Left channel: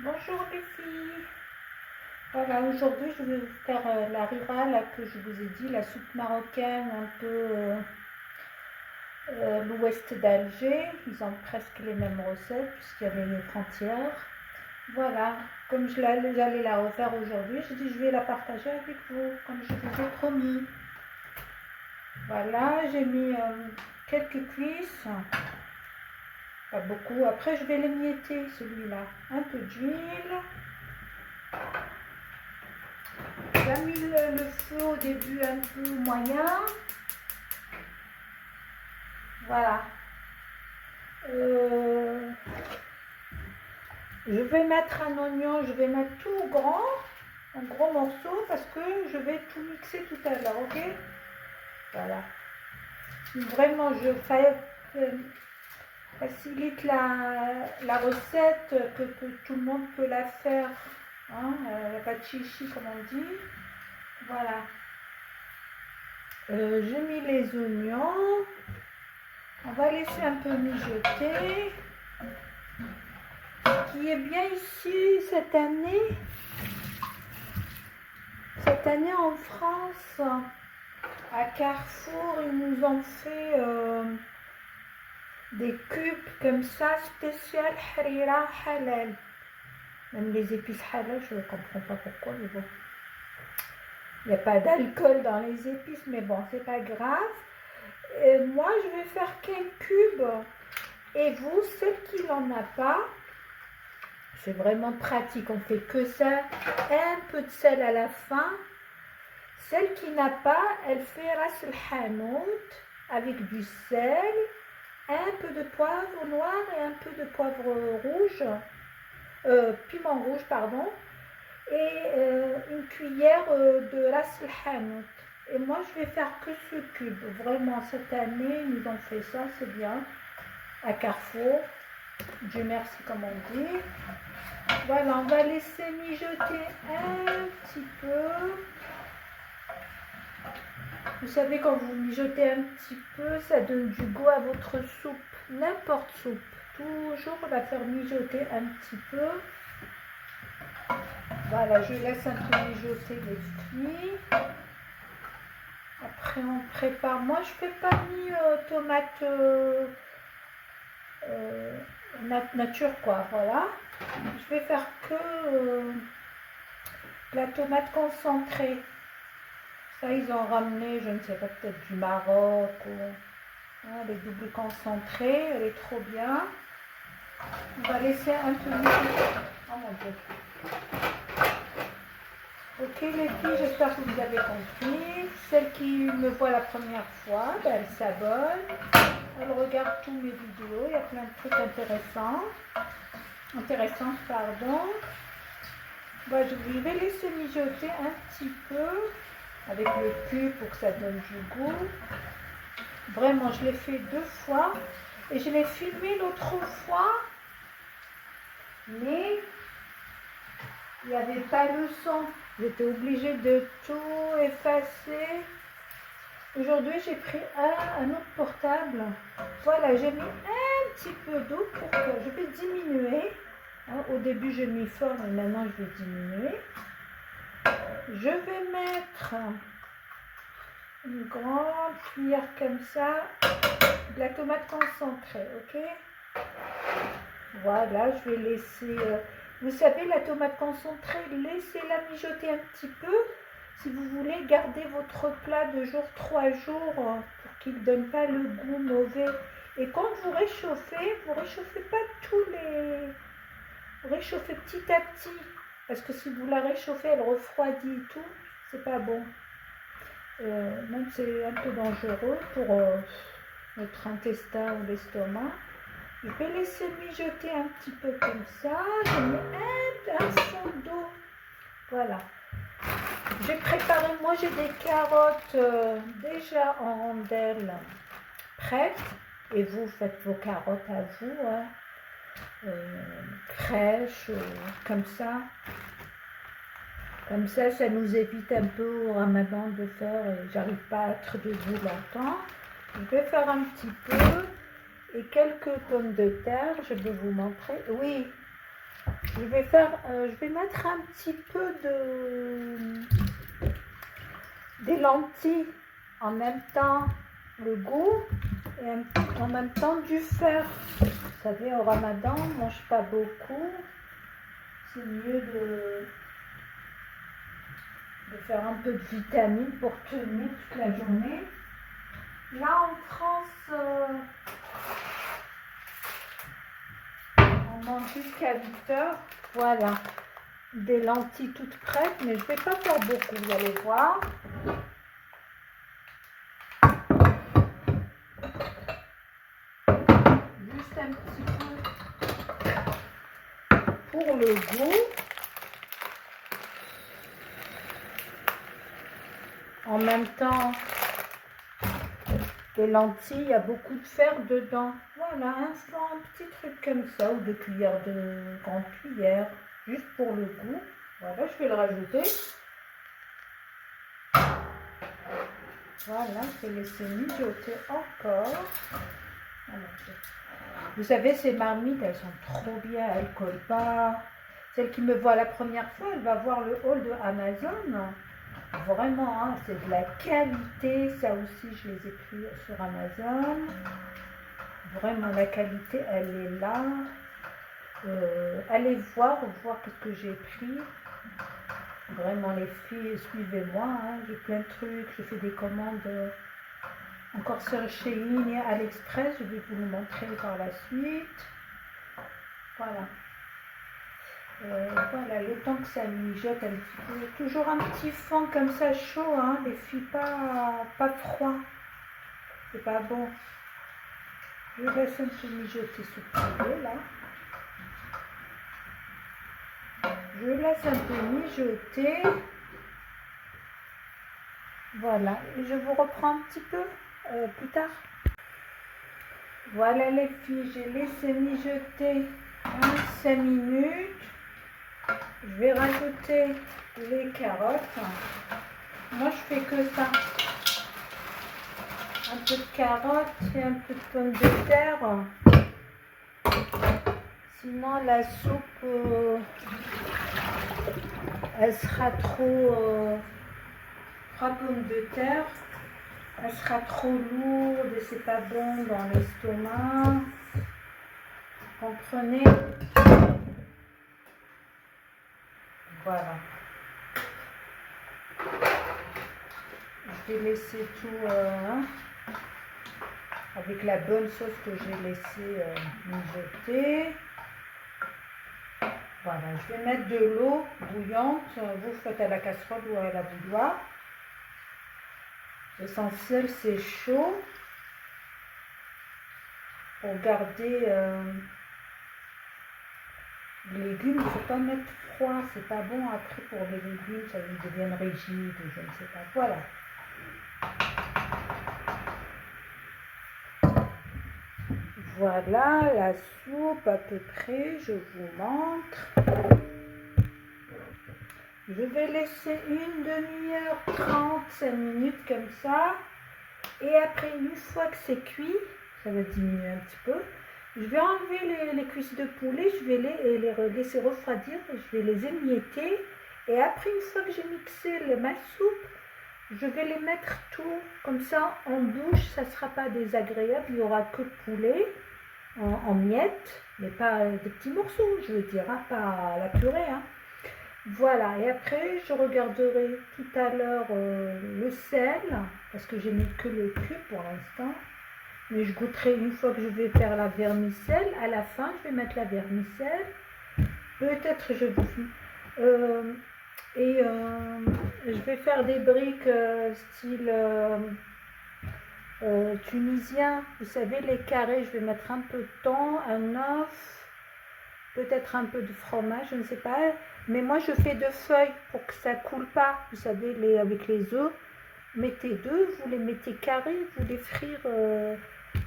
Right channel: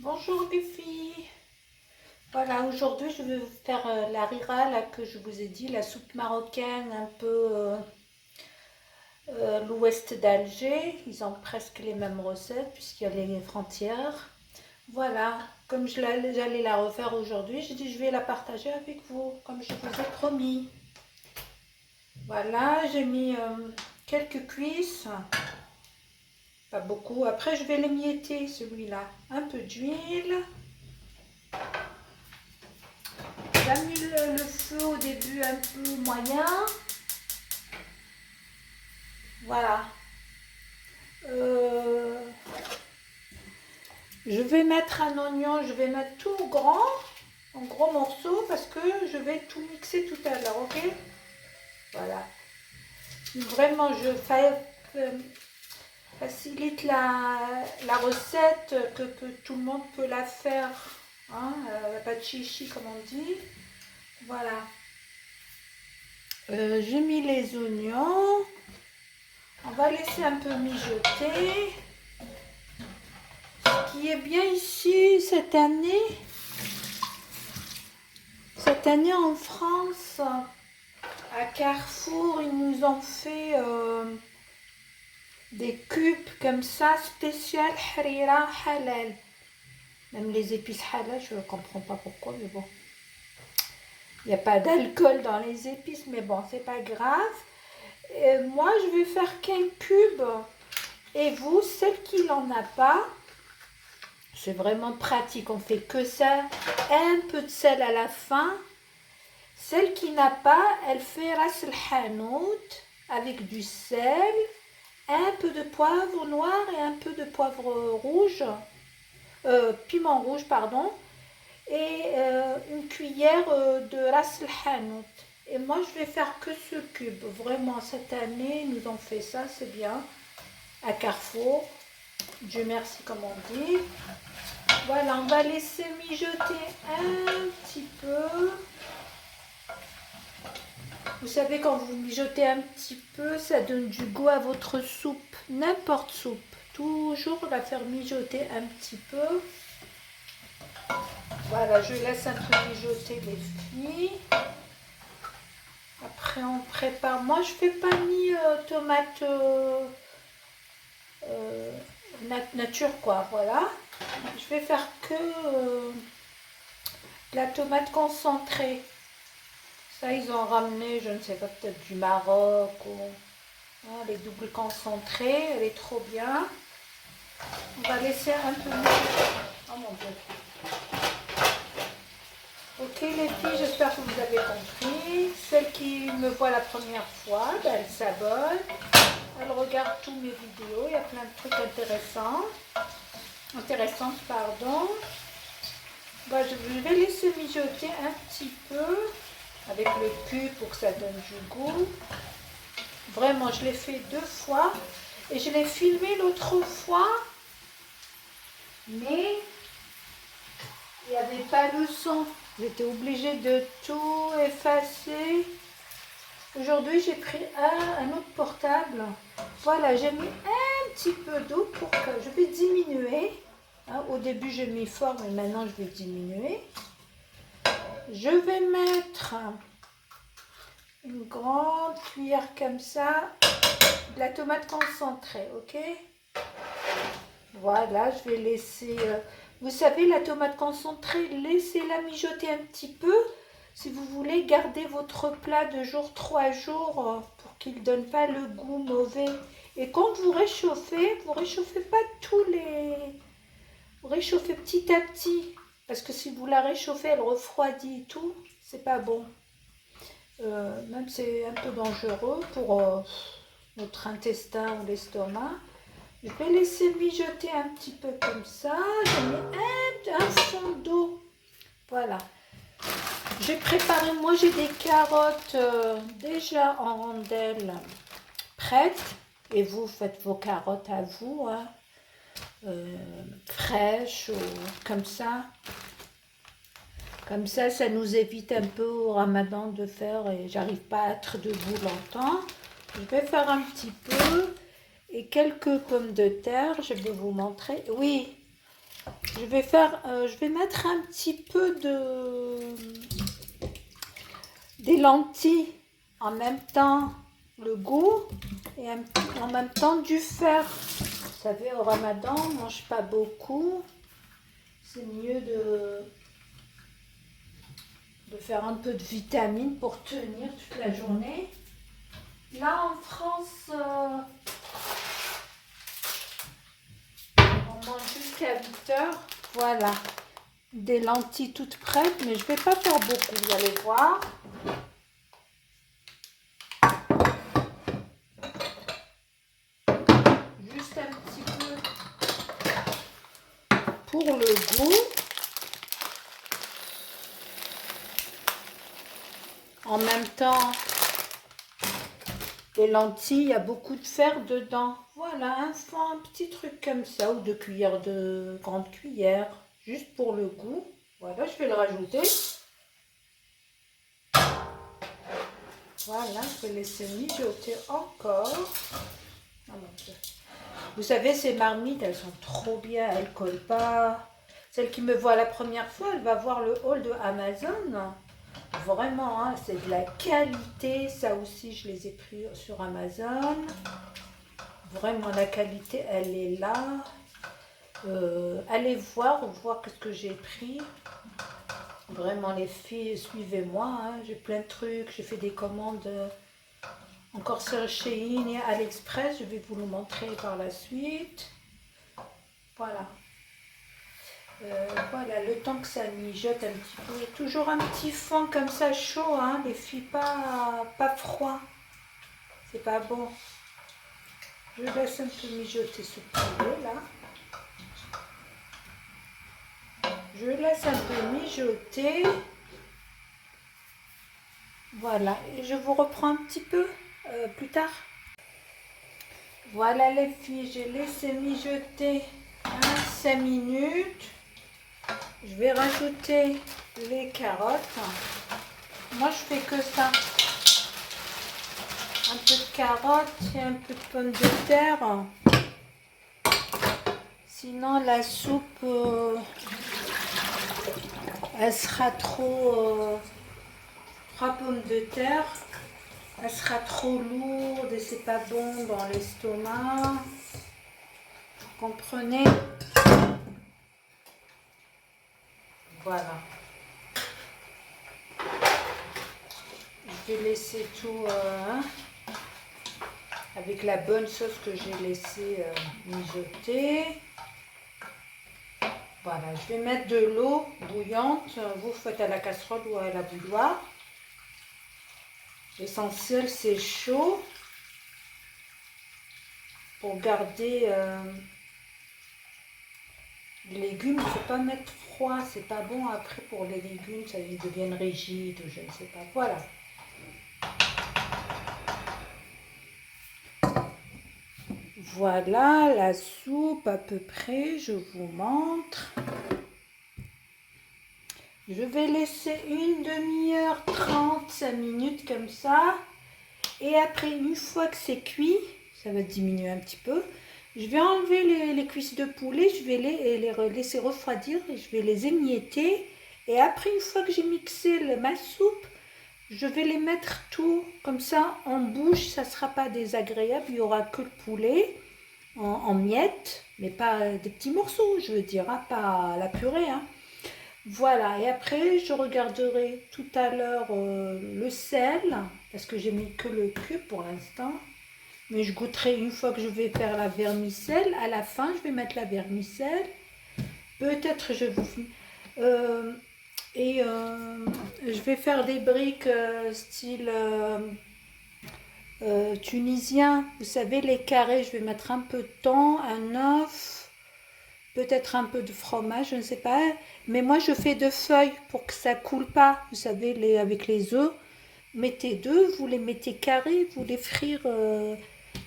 Bonjour les filles. Voilà, aujourd'hui je vais vous faire la rira là, que je vous ai dit, la soupe marocaine un peu l'ouest d'Alger. Ils ont presque les mêmes recettes puisqu'il y a les frontières. Voilà, comme j'allais la refaire aujourd'hui, je dis je vais la partager avec vous, comme je vous ai promis. Voilà, j'ai mis quelques cuisses, pas beaucoup. Après je vais l'émietter celui-là. Un peu d'huile. J'ai mis le feu au début un peu moyen. Voilà. Euh, je vais mettre un oignon, je vais mettre tout grand, en gros morceaux, parce que je vais tout mixer tout à l'heure, ok? Voilà. Vraiment, facilite la recette, que tout le monde peut la faire. Hein? Il n'y a pas de chichi, comme on dit. Voilà. J'ai mis les oignons. On va laisser un peu mijoter. Ce qui est bien ici cette année en France, à Carrefour, ils nous ont fait des cubes comme ça, spécial harira halal. Même les épices halal, je ne comprends pas pourquoi, mais bon. Il n'y a pas d'alcool dans les épices, mais bon, c'est pas grave. Et moi, je vais faire qu'un cube. Et vous, celle qui n'en a pas, c'est vraiment pratique, on fait que ça. Un peu de sel à la fin. Celle qui n'a pas, elle fait ras el hanout avec du sel, un peu de poivre noir et un peu de poivre rouge, piment rouge, pardon, et une cuillère de ras el hanout. Et moi, je vais faire que ce cube. Vraiment, cette année, ils nous ont fait ça, c'est bien. À Carrefour. Dieu merci, comme on dit. Voilà, on va laisser mijoter un petit peu. Vous savez, quand vous mijotez un petit peu, ça donne du goût à votre soupe. N'importe soupe. Toujours la faire mijoter un petit peu. Voilà, je laisse un peu mijoter les fruits. Après, on prépare. Moi, je fais pas ni tomate nature, quoi. Voilà. Je vais faire que la tomate concentrée. Ça, ils ont ramené, je ne sais pas, peut-être du Maroc ou elle est double concentrée, elle est trop bien. On va laisser un peu mijoter. Oh mon Dieu. Ok les filles, j'espère que vous avez compris. Celle qui me voit la première fois, ben, elle s'abonne. Elle regarde tous mes vidéos, il y a plein de trucs intéressants. Intéressantes, pardon. Ben, je vais laisser mijoter un petit peu avec le cube pour que ça donne du goût. Vraiment, je l'ai fait 2 fois et je l'ai filmé l'autre fois, mais il n'y avait pas le son. J'étais obligée de tout effacer. Aujourd'hui, j'ai pris un autre portable. Voilà, j'ai mis un petit peu d'eau pour que je vais diminuer. Hein, au début, j'ai mis fort, mais maintenant, je vais diminuer. Je vais mettre une grande cuillère comme ça de la tomate concentrée, ok? Voilà, je vais laisser... vous savez, la tomate concentrée, laissez-la mijoter un petit peu. Si vous voulez garder votre plat de 3 jours pour qu'il ne donne pas le goût mauvais. Et quand vous réchauffez pas tous les... Vous réchauffez petit à petit. Parce que si vous la réchauffez, elle refroidit et tout. C'est pas bon. Même c'est un peu dangereux pour notre intestin ou l'estomac. Je vais laisser mijoter un petit peu comme ça. J'ai mis un fond d'eau. Voilà. J'ai préparé, moi j'ai des carottes déjà en rondelles prêtes. Et vous faites vos carottes à vous, hein, fraîches, comme ça. Comme ça nous évite un peu au ramadan de faire, et j'arrive pas à être debout longtemps. Je vais faire un petit peu. Et quelques pommes de terre, je vais vous montrer. Oui, Je vais mettre un petit peu des lentilles en même temps le goût et en même temps du fer. Vous savez, au Ramadan, on ne mange pas beaucoup. C'est mieux de faire un peu de vitamines pour tenir toute la journée. Là, en France, on mange jusqu'à 8 heures. Voilà, des lentilles toutes prêtes, mais je ne vais pas faire beaucoup, vous allez voir. Juste un petit peu pour le goût. En même temps, les lentilles, il y a beaucoup de fer dedans. Voilà, un petit truc comme ça, ou 2 grandes cuillères, juste pour le goût. Voilà, je vais le rajouter. Voilà, je vais laisser mijoter encore. Vous savez, ces marmites, elles sont trop bien, elles ne collent pas. Celle qui me voit la première fois, elle va voir le haul de Amazon. Vraiment, hein, c'est de la qualité. Ça aussi, je les ai pris sur Amazon. Vraiment, la qualité, elle est là. Allez voir qu'est-ce que j'ai pris. Vraiment, les filles, suivez-moi. Hein, j'ai plein de trucs. Je fais des commandes encore sur Shein et AliExpress. Je vais vous le montrer par la suite. Voilà. Voilà, le temps que ça mijote un petit peu. Toujours un petit fond comme ça chaud, hein, les filles, pas froid. C'est pas bon. Je laisse un peu mijoter ce poulet là. Je laisse un peu mijoter. Voilà, et je vous reprends un petit peu plus tard. Voilà les filles, j'ai laissé mijoter 5 minutes. Je vais rajouter les carottes. Moi, je fais que ça. Un peu de carottes et un peu de pommes de terre. Sinon, la soupe, elle sera trop... 3 pommes de terre. Elle sera trop lourde et c'est pas bon dans l'estomac. Vous comprenez? Voilà. Je vais laisser tout avec la bonne sauce que j'ai laissé mijoter. Voilà, je vais mettre de l'eau bouillante. Vous faites à la casserole ou à la bouilloire. L'essentiel, c'est chaud pour garder les légumes. Il ne faut pas mettre froid, c'est pas bon après pour les légumes, ça ils deviennent rigides ou je ne sais pas. Voilà. Voilà la soupe à peu près, je vous montre. Je vais laisser une demi-heure, 35 minutes comme ça. Et après, une fois que c'est cuit, ça va diminuer un petit peu. Je vais enlever les cuisses de poulet, je vais les laisser refroidir et je vais les émietter. Et après, une fois que j'ai mixé ma soupe, je vais les mettre tout comme ça en bouche. Ça ne sera pas désagréable, il n'y aura que le poulet en miettes, mais pas des petits morceaux, je veux dire, hein, pas la purée. Hein. Voilà, et après, je regarderai tout à l'heure le sel, parce que j'ai mis que le cube pour l'instant. Mais je goûterai une fois que je vais faire la vermicelle. À la fin, je vais mettre la vermicelle. Peut-être je vous je vais faire des briques style tunisien. Vous savez, les carrés, je vais mettre un peu de thon, un œuf, peut-être un peu de fromage, je ne sais pas. Mais moi, je fais 2 feuilles pour que ça coule pas. Vous savez, avec les œufs, mettez 2, vous les mettez carrés, vous les frire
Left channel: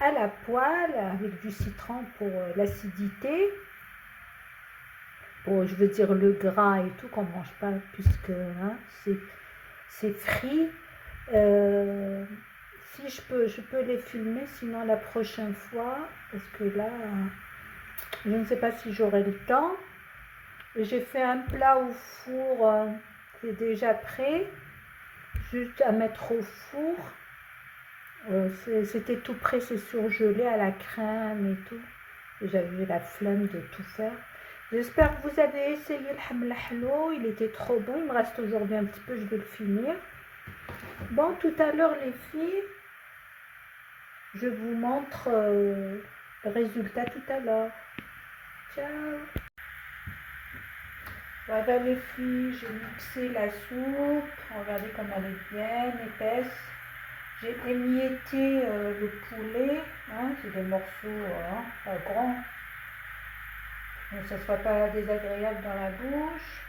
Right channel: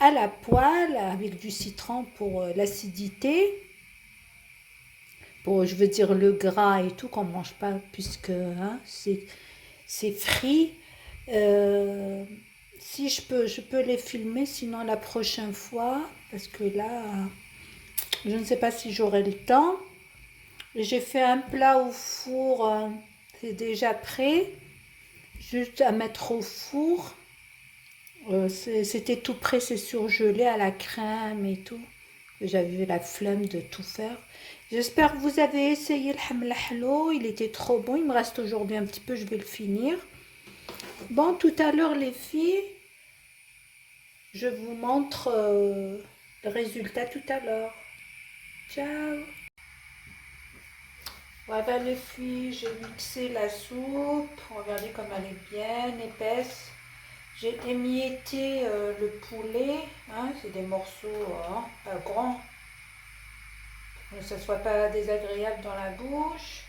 à la poêle avec du citron pour l'acidité. Pour, je veux dire, le gras et tout, qu'on ne mange pas puisque hein, c'est frit. Si je peux les filmer, sinon la prochaine fois, parce que là, je ne sais pas si j'aurai le temps. J'ai fait un plat au four, c'est déjà prêt, juste à mettre au four. C'était tout prêt, c'est surgelé à la crème et tout. J'avais la flemme de tout faire. J'espère que vous avez essayé le hamlahlo, il était trop bon. Il me reste aujourd'hui un petit peu, je vais le finir. Bon, tout à l'heure les filles, je vous montre le résultat tout à l'heure. Ciao. Voilà les filles, j'ai mixé la soupe. Regardez comme elle est bien épaisse. J'ai émietté le poulet. Hein, c'est des morceaux pas grands. Que ça ne soit pas désagréable dans la bouche.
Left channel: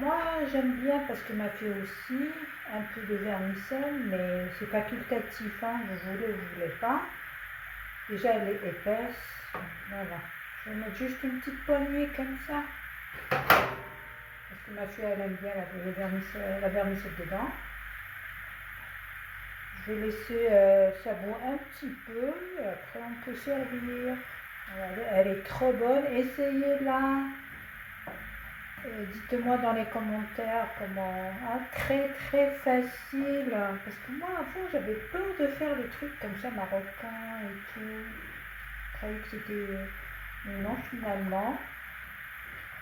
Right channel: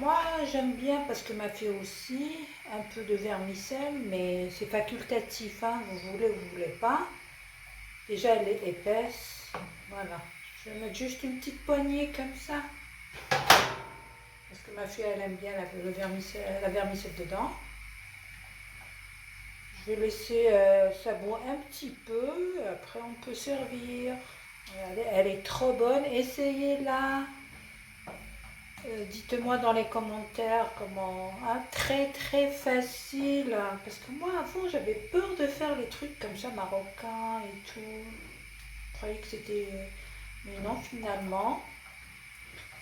Moi, j'aime bien parce que ma fille aussi, un peu de vermicelle, mais c'est facultatif. Hein, vous voulez ou vous voulez pas. Déjà, elle est épaisse. Voilà. Je vais mettre juste une petite poignée comme ça. Parce que ma fille, elle aime bien la vermicelle dedans. Je vais laisser ça boire un petit peu. Après, on peut servir. Regardez, elle est trop bonne. Essayez-la. Dites-moi dans les commentaires comment. Hein, très très facile. Parce que moi, avant, j'avais peur de faire les trucs comme ça, marocains et tout. Je croyais que c'était. Mais non, finalement.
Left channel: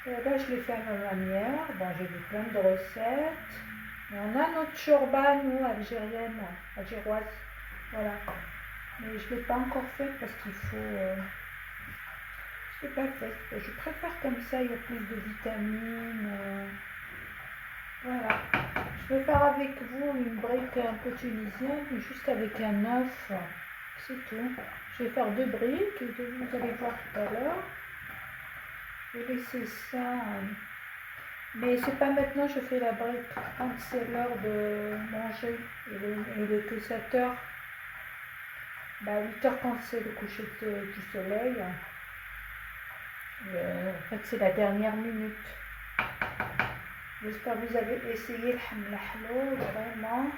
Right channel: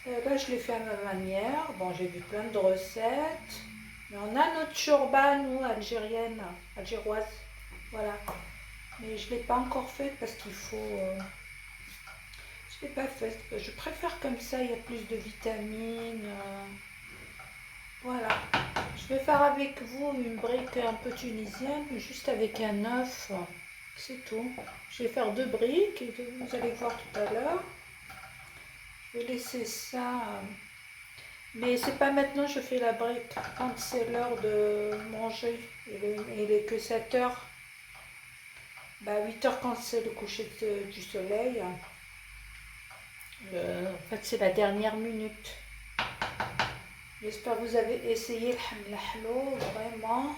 Là, je l'ai fait à ma manière. Bon, j'ai vu plein de recettes. Mais on a notre chorba, nous, algérienne, algéroise. Voilà. Mais je ne l'ai pas encore faite parce qu'il faut. Je ne l'ai pas faite. Je préfère comme ça, il y a plus de vitamines. Voilà. Je vais faire avec vous une brique un peu tunisienne, juste avec un œuf. C'est tout. Je vais faire 2 briques et vous allez voir tout à l'heure. Je vais laisser ça. Mais c'est pas maintenant, je fais la brique. Quand c'est l'heure de manger, il est que 7 heures. Bah 8 heures quand c'est le coucher du soleil. En fait, c'est la dernière minute. J'espère que vous avez essayé le hamlahlo, vraiment.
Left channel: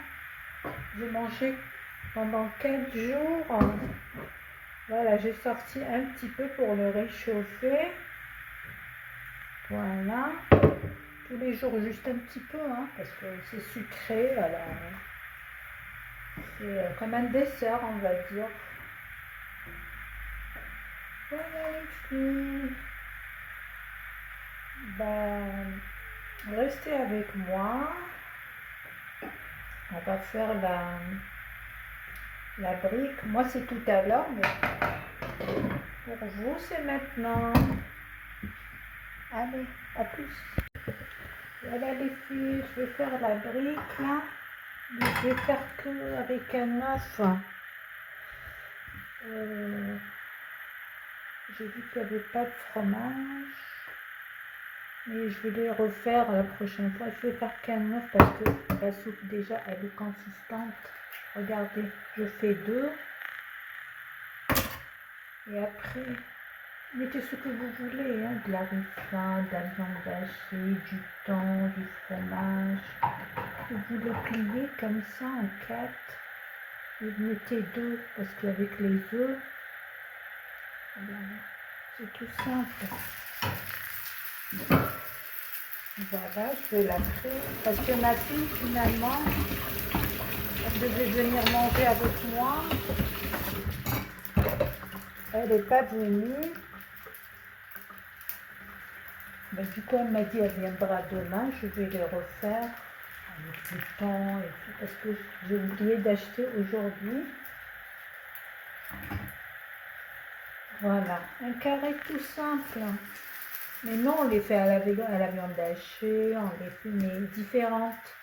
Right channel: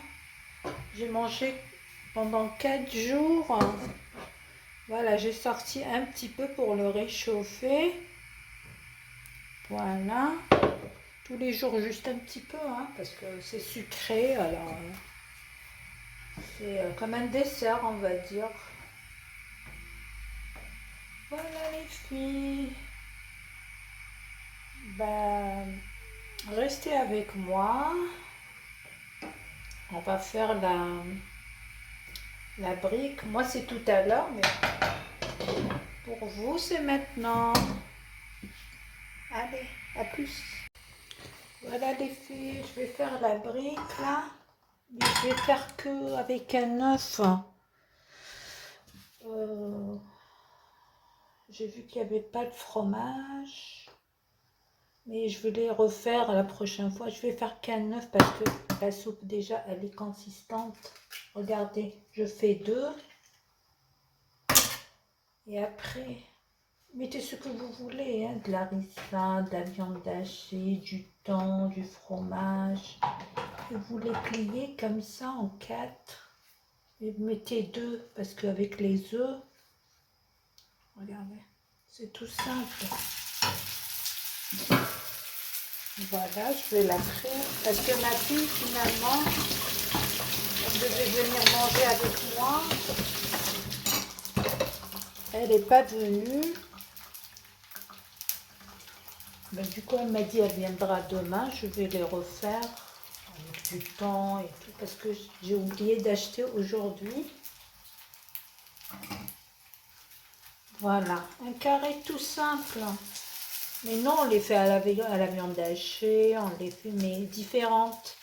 J'ai mangé pendant 4 jours. Voilà, j'ai sorti un petit peu pour le réchauffer. Voilà. Tous les jours, juste un petit peu, hein, parce que c'est sucré. Alors, c'est comme un dessert, on va dire. Voilà les filles. Ben, restez avec moi. On va faire la brique. Moi, c'est tout à l'heure, mais pour vous, c'est maintenant. Allez, à plus. Voilà les filles, je vais faire la brique là. Mais je vais faire que avec un œuf. J'ai vu qu'il n'y avait pas de fromage. Mais je vais les refaire la prochaine fois. Je vais faire qu'un œuf parce que la soupe déjà elle est consistante. Regardez, je fais 2. Et après, mettez ce que vous voulez. Hein, de la ricin, de la viande hachée, du thon, du fromage. Et vous les pliez comme ça en 4. Et vous mettez 2 parce qu'avec les œufs, regardez, c'est tout simple. Voilà, je vais la faire parce que ma fille finalement, elle devait venir manger avec moi. Elle n'est pas venue. Mais du coup, elle m'a dit elle viendra demain. Je vais les refaire avec le temps et tout parce que j'ai oublié d'acheter aujourd'hui. Voilà, un carré tout simple. Mais non, on les fait à la viande hachée, on les fait mais différentes.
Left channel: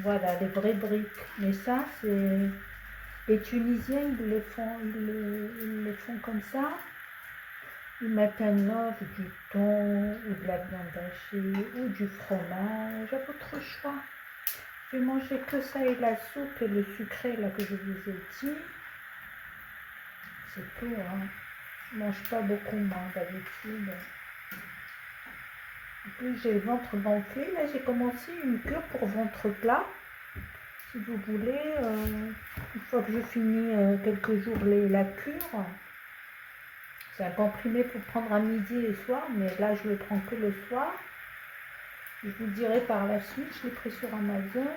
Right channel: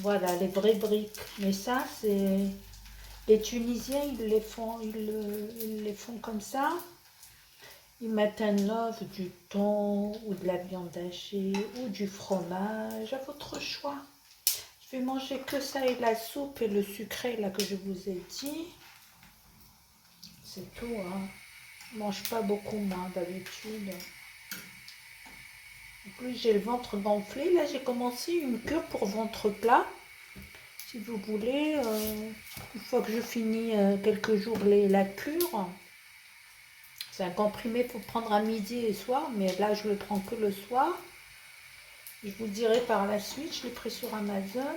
Voilà, les vraies briques. Mais ça, c'est... Les Tunisiens, ils les font comme ça. Ils mettent un œuf, du thon, ou de la viande hachée, ou du fromage, à votre choix. Je vais manger que ça et la soupe et le sucré là que je vous ai dit. C'est tout, hein. Je mange pas beaucoup, moi, d'habitude. En plus, j'ai le ventre gonflé. Là, j'ai commencé une cure pour ventre plat. Si vous voulez, une fois que je finis quelques jours la cure, C'est un comprimé pour prendre à midi et soir, mais là je le prends que le soir. Je vous dirai par la suite, je l'ai pris sur Amazon.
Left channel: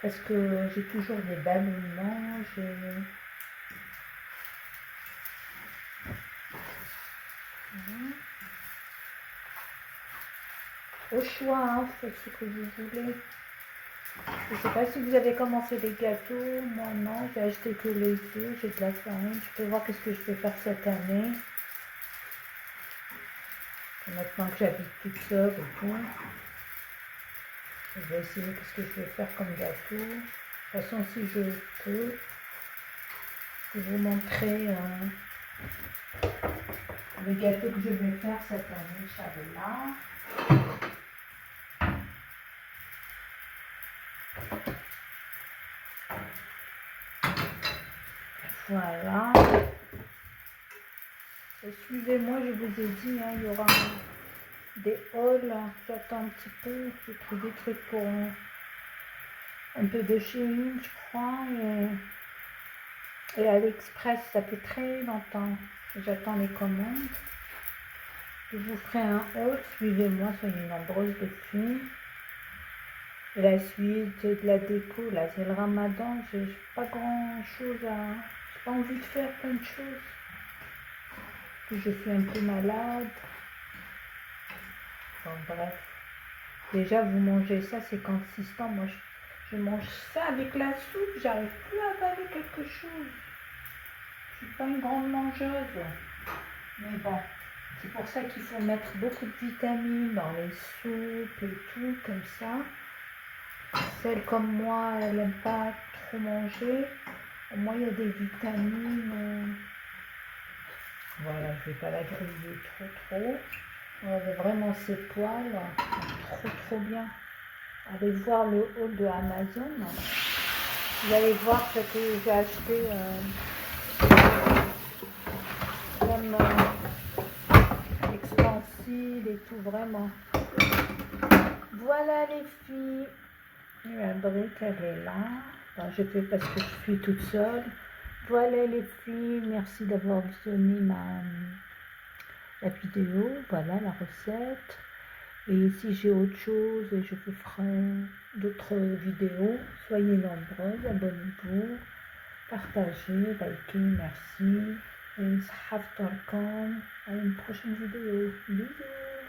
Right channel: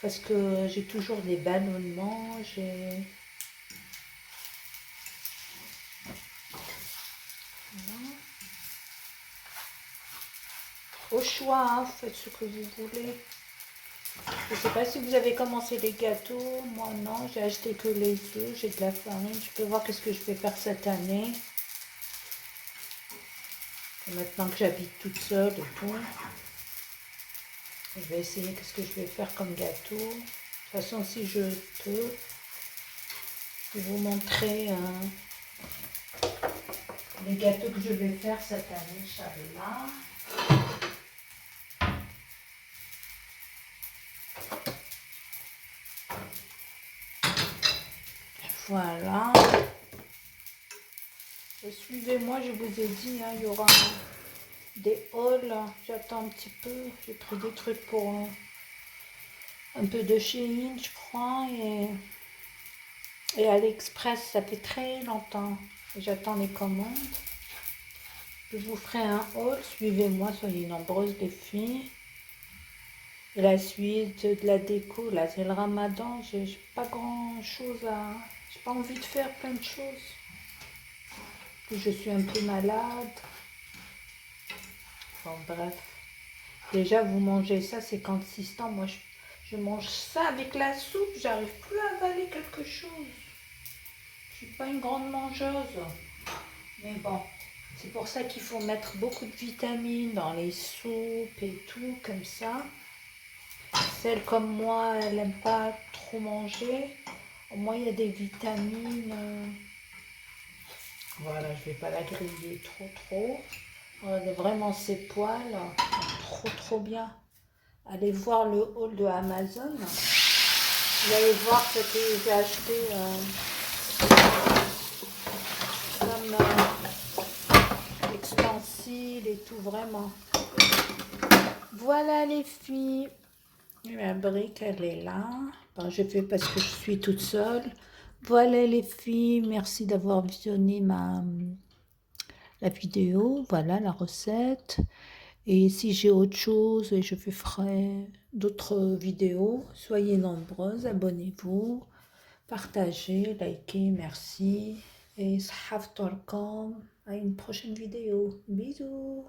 Parce que j'ai toujours des ballonnements, voilà. Au choix, hein, vous faites ce que vous voulez. Je ne sais pas si vous avez commencé les gâteaux. Moi non, j'ai acheté que les œufs, j'ai de la farine. Je peux voir qu'est-ce que je vais faire cette année. Et maintenant que j'habite toute seule et tout. Je vais essayer qu'est-ce que je vais faire comme gâteau. De toute façon, si je peux, je vais vous montrer les gâteaux que je vais faire cette année, Inch'Allah. Voilà. Et suivez-moi, je vous ai dit, hein, il y aura des hauls. J'attends un petit peu. J'ai pris des trucs pour un peu de Shein, je crois. Et AliExpress, ça fait très longtemps. J'attends les commandes. Je vous ferai un haul. Suivez-moi, soyez nombreuses les filles. Et la suite de la déco, là, c'est le ramadan. J'ai pas grand chose à. J'ai pas envie de faire plein de choses. Puis je suis un peu malade. Bon, bref. Déjà, vous mangez ça, c'est consistant. Moi, je mange ça avec la soupe. J'arrive plus à avaler quelque chose. Je suis pas une grande mangeuse. Mais bon, c'est pour ça qu'il faut mettre beaucoup de vitamines dans les soupes et tout, comme ça. Celle comme moi, elle n'aime pas trop manger. Au moins, il y a des vitamines. Voilà, je ne vais pas la griller trop. Regardez vraiment ses poils. Trop bien. Allez voir le haul de Amazon. Vous allez voir ce que j'ai acheté comme extensible et tout, vraiment. Voilà les filles. La brique, elle est là. Bon, je fais parce que je suis toute seule. Voilà les filles, merci d'avoir visionné la vidéo. Voilà la recette. Et si j'ai autre chose, je ferai d'autres vidéos. Soyez nombreuses, abonnez-vous, partagez, likez, merci. Et sahaf à une prochaine vidéo. Bisous.